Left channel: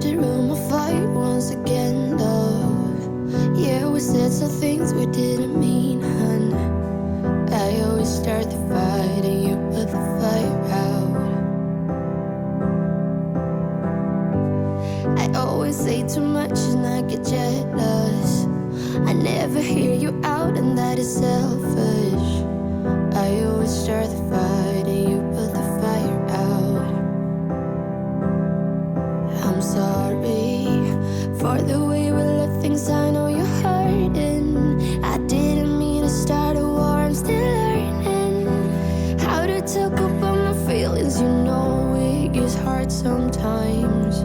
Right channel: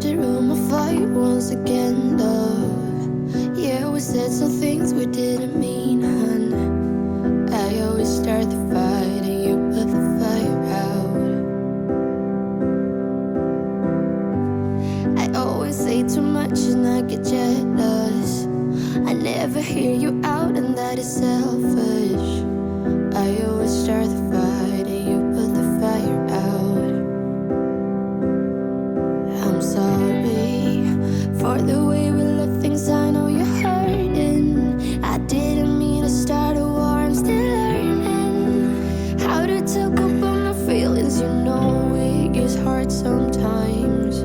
the room afire once again, love. Yeah, we said some things we didn't mean, hun. I always start the fight and you put the fire out. I always say too much and I get jealous. I never hear you out and that is selfish. I always start the fight and you put the fire out. I'm sorry for the way we let things, I know you're hurting. I didn't mean to start a war, I'm still learning how to talk about my feelings. You know it gets hard sometimes.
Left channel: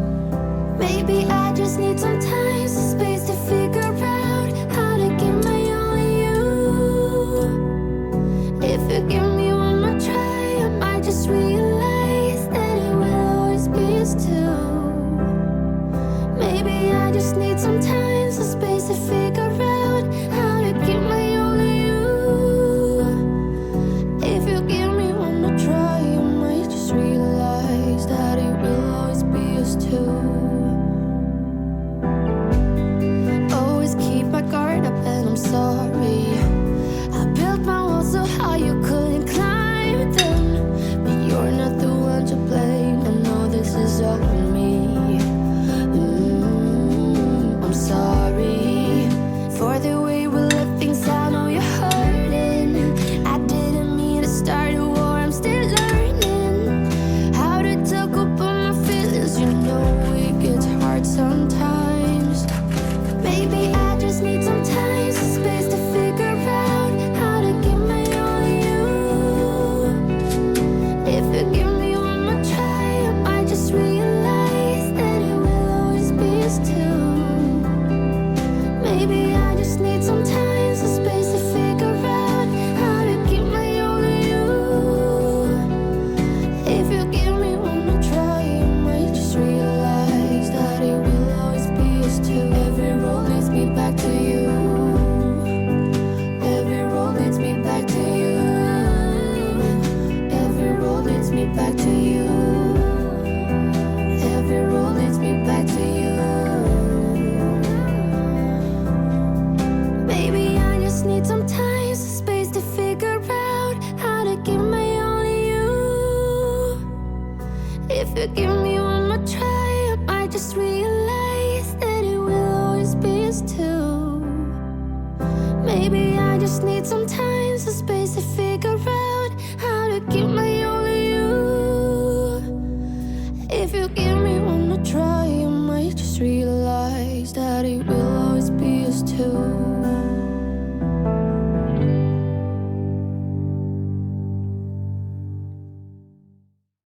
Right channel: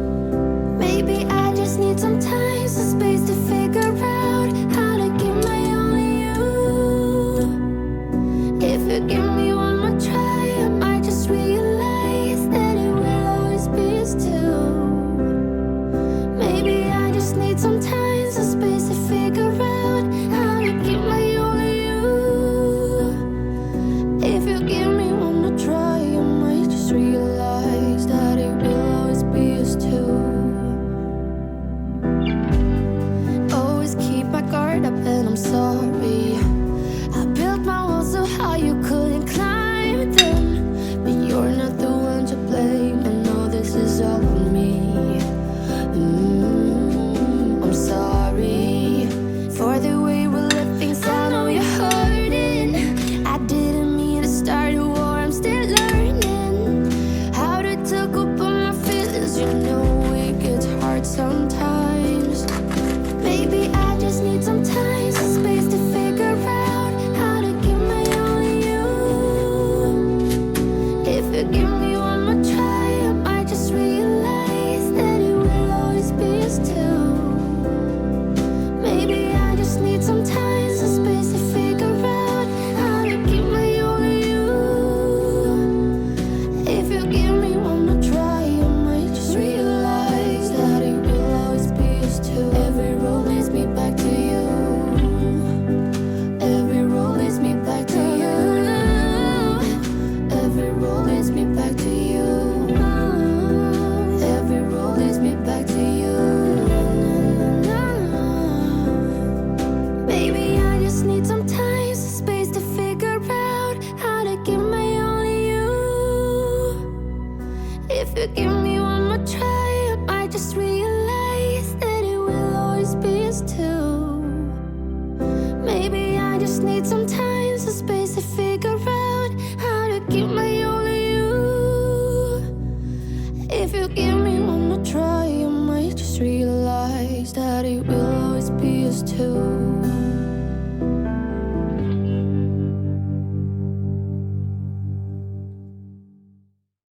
Maybe I just need some time, some space to figure out how to give my all to you. If you give me one more try, I might just realize that it will always be us two. Maybe I just need some time, some space to figure out how to give my all to you. If you give me one more try, I might just realize that it will always be us two. Always keep my guard up and I'm sorry. I built my walls so high you couldn't climb them. But you're not the one to blame, I know this is all on me. I'm sorry for the way we left things, I know you're hurting. I didn't mean to start a war, I'm still learning how to talk about my feelings. You know it gets hard sometimes. Maybe I just need some time, some space to figure out how to give my all to you. If you give me one more try, I might just realize that it will always be us two. Maybe I just need some time, some space to figure out how to give my all to you. If you give me one more try, I might just realize that it will always be us two. Every road leads me back to you. Every road leads me back to you. Every road leads me back to you. Every road leads me back to you. Baby, I just need some time, some space to figure out how to give my all to you. If you give me one more try, I might just realize that it will always be us two. Maybe I just need some time, some space to figure out how to give my all to you. If you give me one more try, I might just realize that it will always be us two.